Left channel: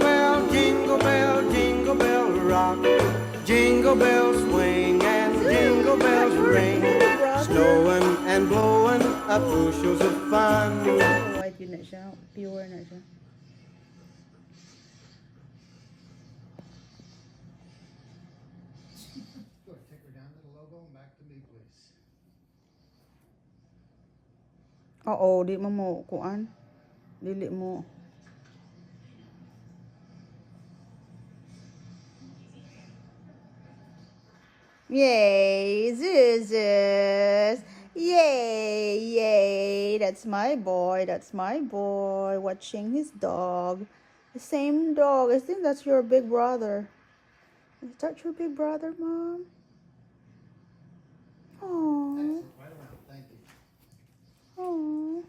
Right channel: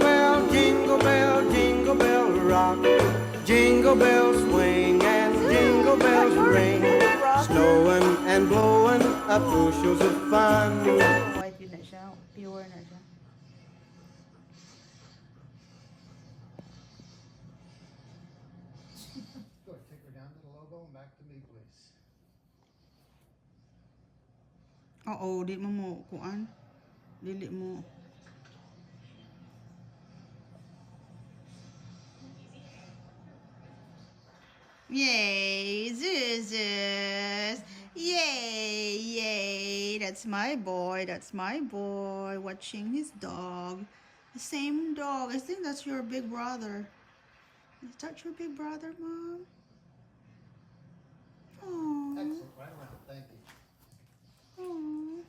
jingle bell rock. Jingle bells swing and jingle bells ring. Snowing and blowing up bushels of fun. White yun na siya. Pure na siya. Go ahead, take her down to the logo and back to me, please. Oo, di mo kuan. Dili mo. Yay, Zuzus. Yay, yay. That's my boy. That's my boy. Watching his dog. The same dog. I think that's your big brother. Is that your big brother, Mom? Oh, Excellent, right around, thank you. oh.